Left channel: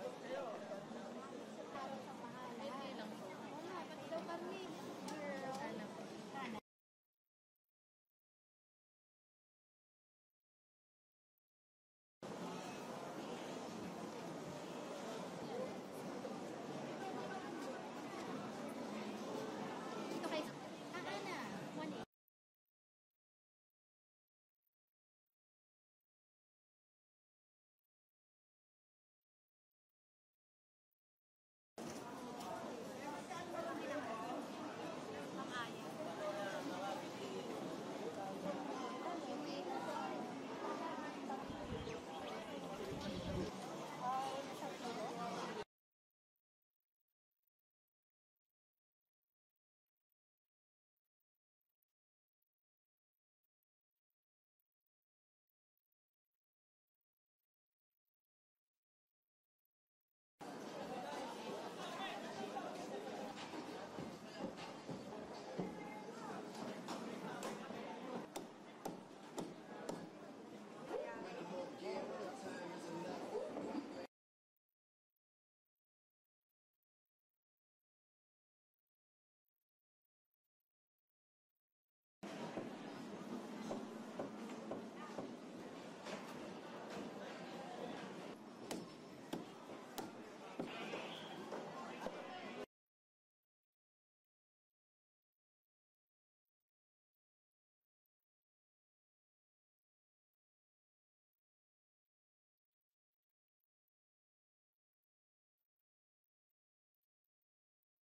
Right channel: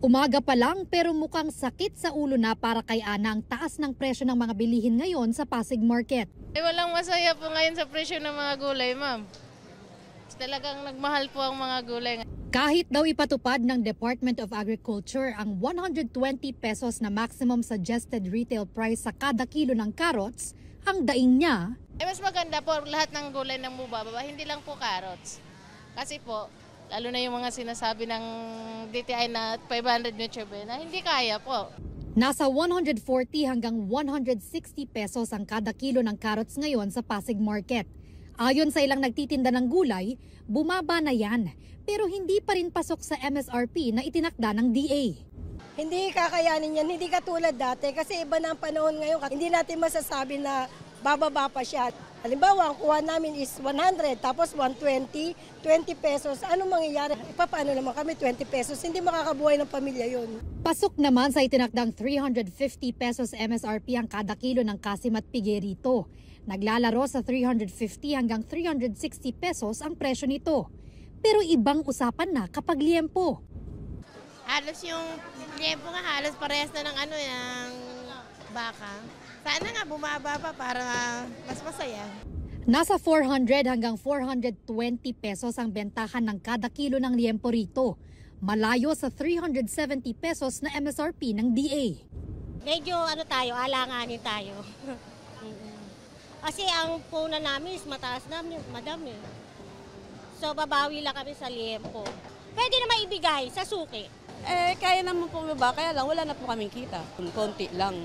Umaga pa lang pero mukhang sakit sa ulo na para kay Ana ang taas ng presyo ng mga bilihin ngayon sa Pasig Market. Walang masaya po ngayon sa presyo ng mga gulay, ma'am. Talagang nagmahal po ang mga gulay. Kahit daw ipatupad ng Department of Agriculture ang 120 pesos na maximum suggested retail price sa kada kilo ng carrots, ang daing niya. Mas maganda po lahat ng gulay ng bubaba, hindi lang po carrots. Kasi po, lalo na yung mga sinasabi ng DTI na 500 nutrient na hindi kaya po. Nasa 140 hanggang 160 pesos ang kada kilo ng carrots ngayon sa Pasig Market. Ayon sa ilang nagtitinda ng gulay, bumaba na yan. Pero hindi pa rin pasok sa MSRP na itinakda ng DA. Hindi kakayanin yan, hindi katulad dati kasi iba na ang panahon ngayon. Hindi natin masasabi na bababa pa siya. Halimbawa, ang kuha namin is 100 tapos 120, 20 pesos. Anong mangyayari? Paano naman kami 20 pesos? Hindi makakabuhay ng pamilya yun. Pasok naman sa itinakdang 350 pesos MSRP ang kada kilo ng kasim at pigerito. Naglalaro sa 350 hanggang 360 pesos ang presyo nito. Pero ibang usapan na kapag liempo. Halos yung liempo nga halos parehas na ng yung baka. Sana nga bumaba pa para mas masaya. Nasa 400 hanggang 420 pesos ang bentahan ng kada kilo ng liempo rito. Malayo sa 370 pesos na MSRP ng DA. Medyo alanganin tayo. Kasi ang punan namin is mataas na, madam eh. So babawi lang kami sa liempo. Pwede na maibigay sa suki. Kaya naman po ba? Kaya lang wala na po kaming kita. Konti lang.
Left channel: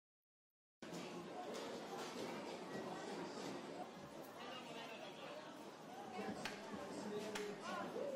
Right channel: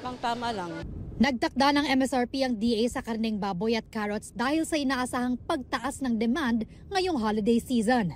Tama lang. Nagtakda ng MSRP ang DA sa karneng baboy at carrots dahil sa inaasahang pagtaas ng demand ngayong holiday season.